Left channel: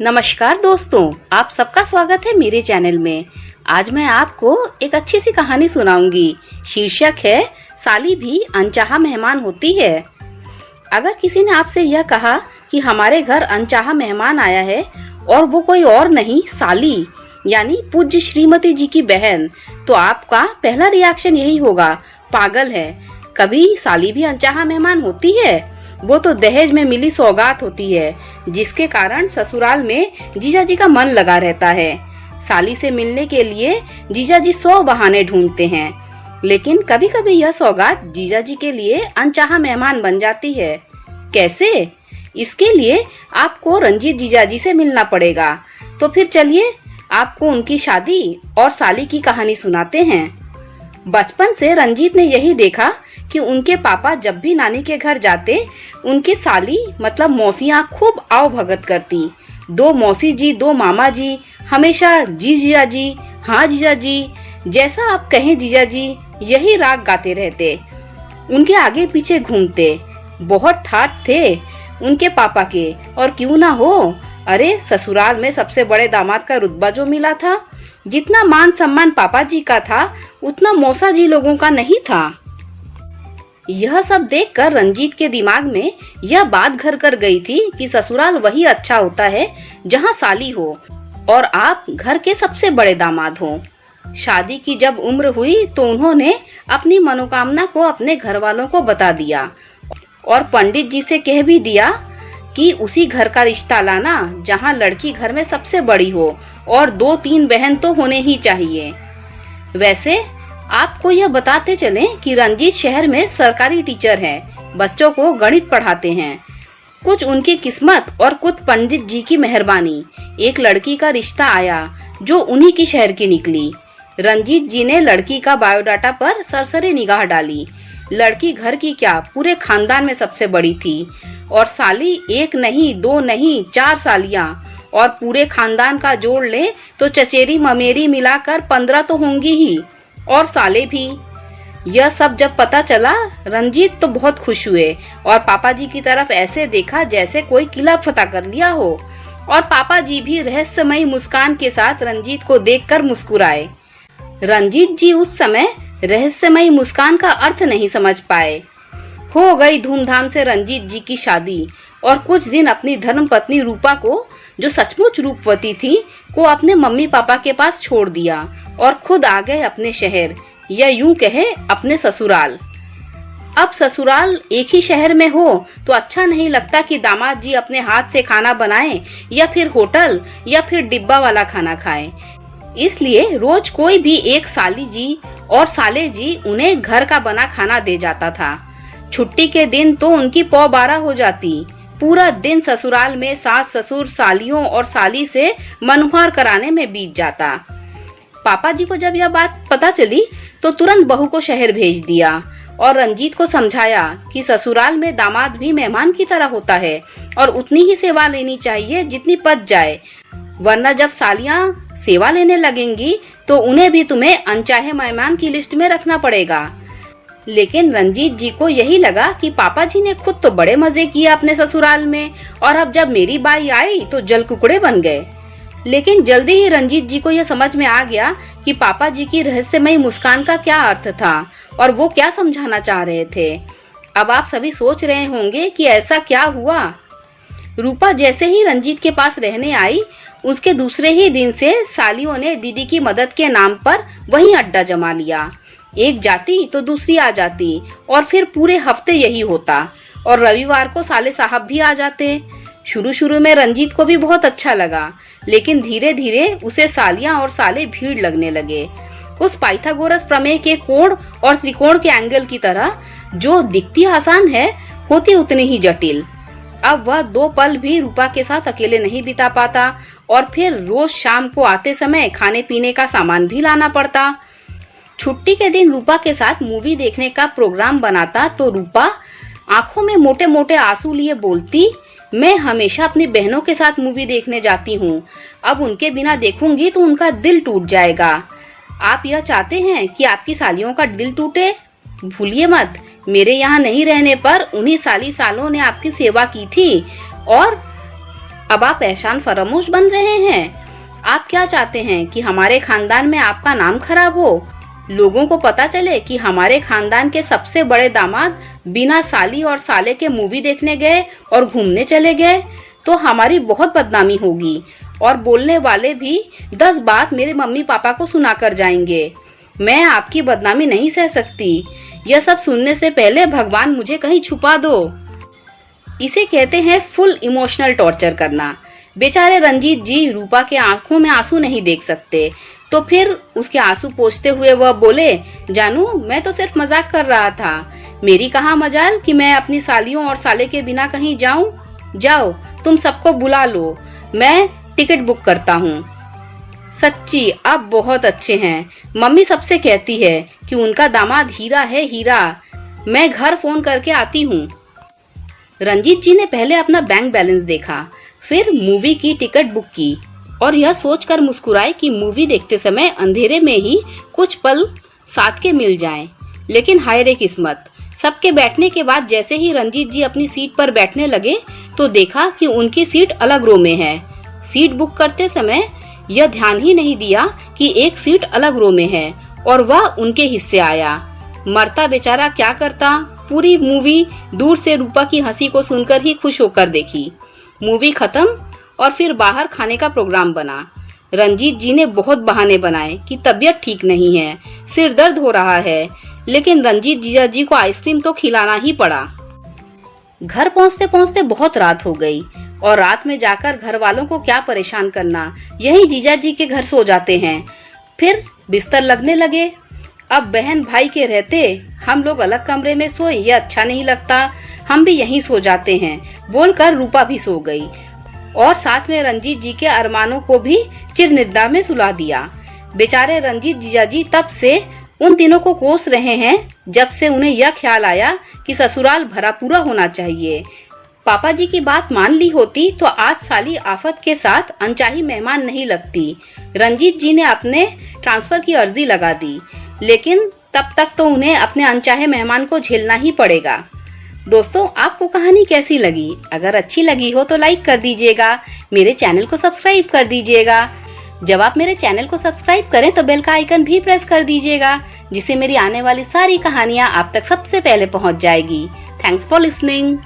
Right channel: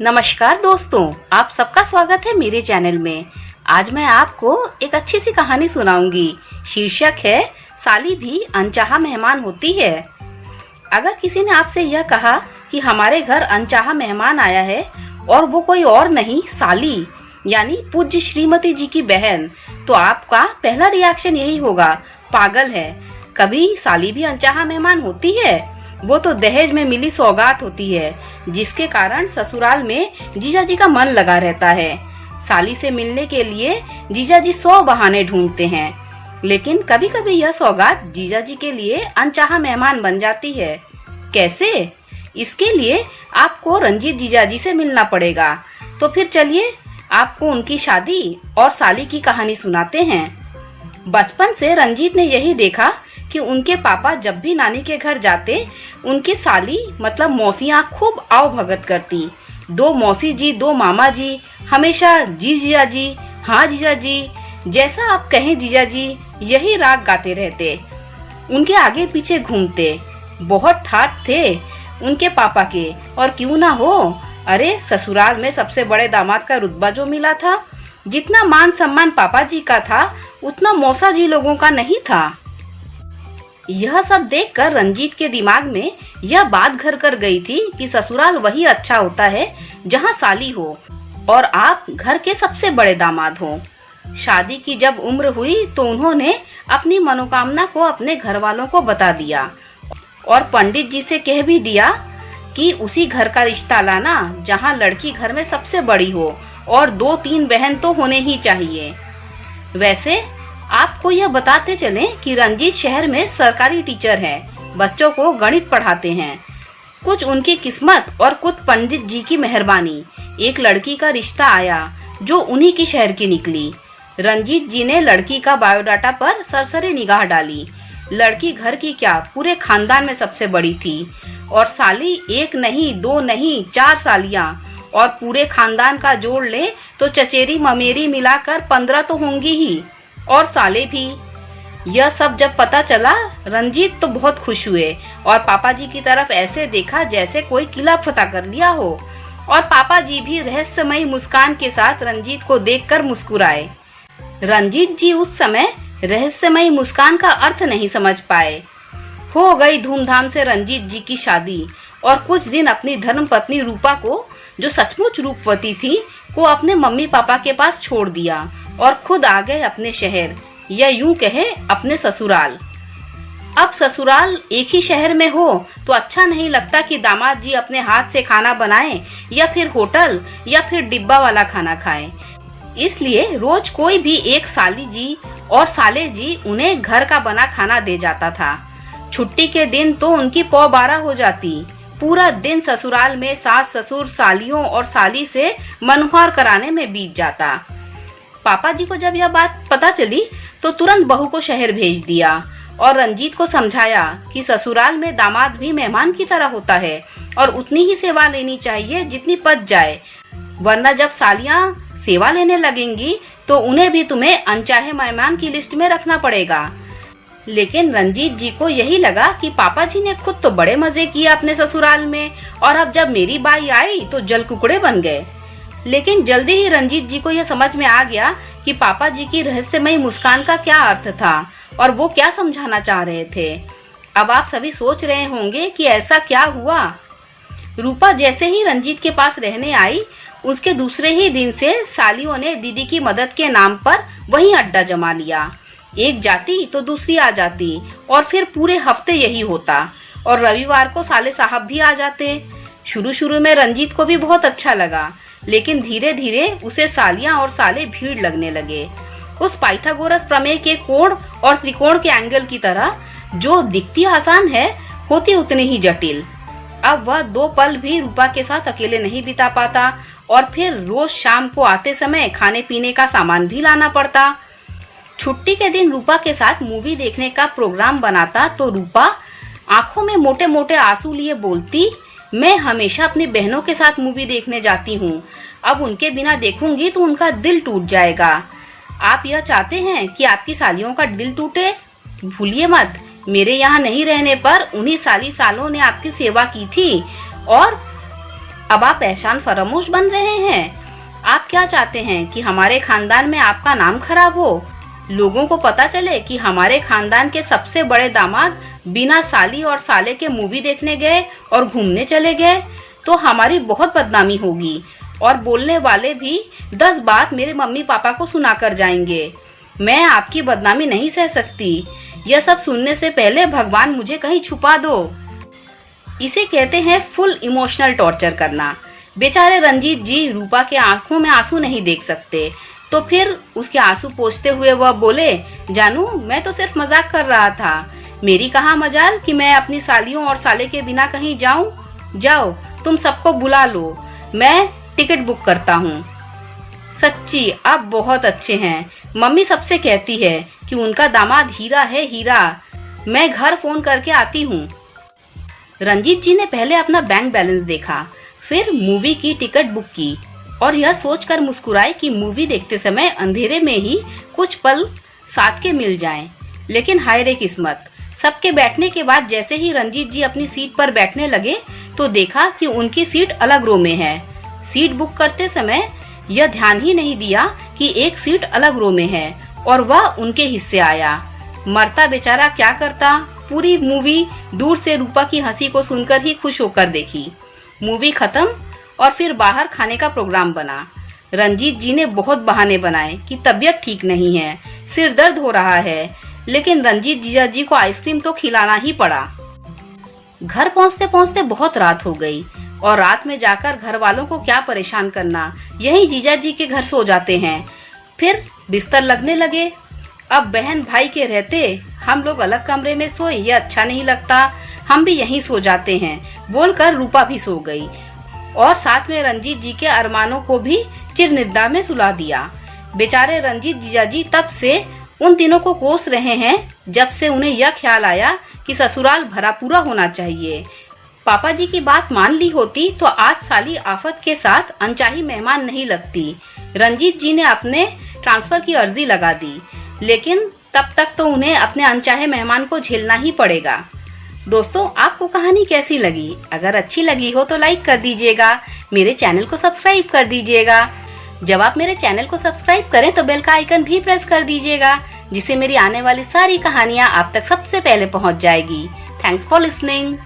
नमस्कार दोस्तों, आप सबका स्वागत है मेरे चैनल में। आज मैं आपको एक अच्छी सी कहानी सुनाऊंगी। शीर्षक है साली भी अनचाहा मेहमान होती है। अगर किसी ने आपसे यह कहा कि हमारे घर अनचाहा मेहमान आया है और वो कोई और नहीं साली यानी पूज्य श्रीमती जी की बहन, तो आपका पहला रिएक्शन यही होगा, पागल है, कभी साली भी अनचाहा मेहमान होती है? वो तो दहेज में मिली सौगात होती है, जिसके कारण ससुराल में जीजाजी का मन लगा रहता है। साली से मिलने के लिए जीजाजी 100 बहाने ढूंढते हैं, लेकिन कभी कभी यह सौगात जीजाजी के लिए अनचाहा मेहमान बन जाती है। कैसे? इसके लिए आपको रंजीत जीजाजी से मिलना पड़ेगा। तो फिर चलिए आपको उनकी शादी और साली की कहानी सुनाते हैं। बचपन से रंजीत ने यही देखा कि उनके पापा जब भी नानी के घर जाते, उनकी साली मतलब मौसियाँ खूब आओ भगत करती। 2 मौसी जी, 2 मामा जी हमेशा जी जीजा जी, हाँ जीजा जी, जैसा आप कहें जीजा जी, यही राग गाते रहते। उनके आगे पीछे घूमते। बहुत ठाट थे उनके पापा के, और क्यों ना हो, अरे ससुराल में सबसे बड़े दामाद का रुतबा जो मिला था, जितना मान सम्मान पापा जी का था उतना मौसा जी लोगों का नहीं था। यह सब देखकर रंजीत के दिमाग में यह बात घर कर गई थी कि ससुराल वही अच्छा होता है जहां साली हो और आप घर के सबसे बड़े दामाद हो। शादी की जब उम्र हुई तो उन्होंने अपनी मनोकामना को अपने घर वालों को बता दिया और पंडित जी से कह भी दिया कि उसी घर का रिश्ता लाना जहां लड़की घर में सबसे बड़ी हो और 2-3 बहन तो होने ही चाहिए। वैसे आपको यह बताते चलें कि रंजीत शहर में सरकारी टीचर हैं, बच्चों को गणित पढ़ाते हैं। कुछ उनकी किस्मत और कुछ पंडित जी की मेहरबानी, एक लड़की का रिश्ता आया जो उन्हीं की शहर की निकली। रंजीत जी ने लड़की का बायोडाटा पर सरसरी निगाह डाली। लड़की घर की क्या, पूरे खानदान में सबसे बड़ी थी, और साली 1 नहीं 2 नहीं 4 सालियां, और पूरे खानदान का जोड़ ले तो चचेरी ममेरी मिलाकर 15 तो होंगी ही, और साले भी। यह सब जब पता चला रंजीत तो बहुत खुश हुए और पापा जी की तरफ ऐसे देखा जैसे कोई किला फतह कर लिया हो, और पापा जी भी रहस्यमयी मुस्कान के साथ रंजीत को देखकर मुस्कुराए। रंजीत जी उस समय रहस्यमयी मुस्कान का अर्थ नहीं समझ पाए। हो गई धूमधाम से रंजीत जी की शादी, और कुछ दिन अपनी धर्मपत्नी रूपा को, जो सचमुच रूपवती थी, को अपने मम्मी पापा के पास छोड़ दिया और खुद आ गए अपने शहर, या यूं कहे अपने ससुराल। अब ससुराल एक ही शहर में हो तो अच्छा नहीं लगता कि दामाद जी अपने हाथ से खाना बनाएं या फिर होटल या फिर डिब्बा वाला खाना खाएं। इसलिए रोज कोई भी एक साली जी और साले जी उन्हें घर का बना खाना दे जाता था। छुट्टी के दिन तो उनकी पौ 12 हो जाती। पूरा दिन ससुराल में सास ससुर सालियों और साली से मनोहर कराने में बीत जाता। पापा जी को जब यह बात पता चली तो तुरंत बहू को शहर भेज दिया और रंजीत को समझाया कि ससुराल में दामाद भी मेहमान की तरह होता है और उतनी ही सेवा लेनी चाहिए जितनी पच जाए, वरना जब सालियां सेवा लेने लगेंगी तो उन्हें भी तुम्हें अनचाहे मेहमान की लिस्ट में रखना पड़ेगा। लेकिन रंजीत जी को यही लगा कि पापा जी ने खुद तो बड़े मजे किए अपने ससुराल में, और अब जब मेरी बाई आई तो जल कुकड़े बन गए। लेकिन जल्दी ही रंजीत जी को यह समझ में आ गया कि पापा जी की रहस्यमयी मुस्कान का क्या अर्थ था और वो क्या समझाना चाह रहे थे। अब आप सभी सोच रहे होंगे कि ऐसा क्या हुआ। रूपा जैसे ही रंजीत के पास रहने आई, उसके दूसरे ही दिन से सालियों ने दीदी की मदद के नाम पर वही अड्डा जमा लिया। एक जाती तो दूसरी आ जाती, और फिर पूरे हफ्ते यही होता, और रविवार को साले साहब भी आ जाते। शुरू शुरू में रंजीत को भी बहुत अच्छा लगा, लेकिन धीरे धीरे उसे सालियां और साले भीड़ लगने लगे। उस पाइथागोरस प्रमेय के कोण और त्रिकोण के एंगल की तरह, जो दिखती आसान है होती उतनी ही जटिल। अब वह 2 पल भी रूपा के साथ अकेले नहीं बिता पाता, और फिर रोज शाम को आते समय खाने पीने का सामान भी लाना पड़ता। छुट्टी के दिन रूपा के साथ मूवी देखने का प्रोग्राम बनाता तो रूपा आंखों में मोटे मोटे आंसू लिए बोलती, मैं हमेशा अपनी बहनों के साथ मूवी देखने जाती हूँ, अब उनके बिना देखूंगी तो उनका दिल टूट जाएगा। आप यह चाहते हैं कि आपकी सालियों का दिल टूटे? भूलिए मत, मेरे यहाँ नहीं रहने पर उन्हीं सालों ने आपकी सेवा की थी, और अब आप एहसान फरामोश बन रहे हैं। आप क्या चाहते हैं कि हमारे खानदान में आपका नाम खराब हो? लोगों को पता चले कि हमारे खानदान के सबसे बड़े दामाद बिना साली और साले के मूवी देखने गए और घूमने चले गए, तो हमारी बहुत बदनामी होगी और बोलने वाले भी 10 बात मेरे मम्मी पापा को सुनाकर जाएंगे। मैं आपकी बदनामी नहीं सह सकती। यह सब सुनने से पहले भगवान मुझे कहीं छुपा दो। इसे कहते हैं फुल इमोशनल टॉर्चर करना। बेचारे रंजीत जी रूपा के आंखों में आंसू नहीं देख सकते, तो फिर उसके आंसू पोंछते हुए वह बोले, जानू मैं तो सिर्फ मजाक कर रहा था। मेरी कहाँ मजाल कि मैं अपनी सालियों और साले के बिना कहीं जाऊं। जाओ तुम सबको बुला लो, मैं टिकट बुक करता हूँ। सच्ची आप बहुत अच्छे हैं। मम्मी सबसे कहती है कि उनका दामाद हीरा है, हीरा। मैं घर फोन करके आती हूँ। रंजीत जी ने पहले अपना बैंक बैलेंस देखा, फिर मूवी की टिकट बुक की और यह सोचकर मुस्कुराए कि मूवी देखते समय अंधेरे में ही कुछ पल साथ के मिल जाएं। लेकिन हाय रे किस्मत, सबके बैठने के बाद जैसे ही रंजीत जी अपनी सीट पर बैठने लगे तो देखा कि उनकी सीट अलग रो में है। सीट बुक करते समय यह ध्यान ही नहीं दिया कि एक सीट अलग रो में है और वह उनके हिस्से आया। मरता बेचारा क्या करता, पूरी मूवी दूर से रूपा की हंसी को सुनकर ही खुश होकर देखी। मूवी खत्म और फिर बाहर खाने का प्रोग्राम बना। रंजीत जी ने बहुत बहाने बनाए कि तबीयत ठीक नहीं है, सिर दर्द हो रहा है, लेकिन रंजीत जीजा जी को आइसक्रीम तो खिलाना ही पड़ा। घर पहुंचते पहुंचते बहुत रात हो गई और रात में जाकर घर वालों को क्या परेशान करना, यही जीजा जी के घर सो जाते हैं। फिर बिस्तर लगने लगे। अब बहन भाई के रहते हम लोग अलग कमरे में सोए ये अच्छा नहीं लगता, हम भी यहीं सो जाते हैं बोलकर रूपा भी सो गई और साथ में रंजीत जी के अरमानों को भी चिरनिद्रा में सुला दिया। बेचारे रंजीत जीजा जी तब से उन दिनों को कोस रहे हैं जब से उन्हें यह ख्याल आया कि ससुराल भरा पूरा होना चाहिए। पापा जी की बात मान ली होती तो आज साली आफत के साथ अनचाही मेहमान नहीं लगती। रंजीत जी ने अपने ट्रांसफर की अर्जी लगा दी, लेकिन तब तक तो उन्हें अपने अनचाहे मेहमान को झेलना ही पड़ेगा। दोस्तों आपको कहानी कैसी लगी? अगर अच्छी लगी हो तो लाइक कर दीजिएगा, मेरे चैनल को सब्सक्राइब कर दीजिएगा। जब आप मेरे चैनल को सब्सक्राइब करें तो बेल का आइकन भी प्रेस कर दीजिएगा, जिससे मेरी आने वाली सारी कहानियाँ आप तक सबसे पहले पहुँच जाएगी। Thanks for listening.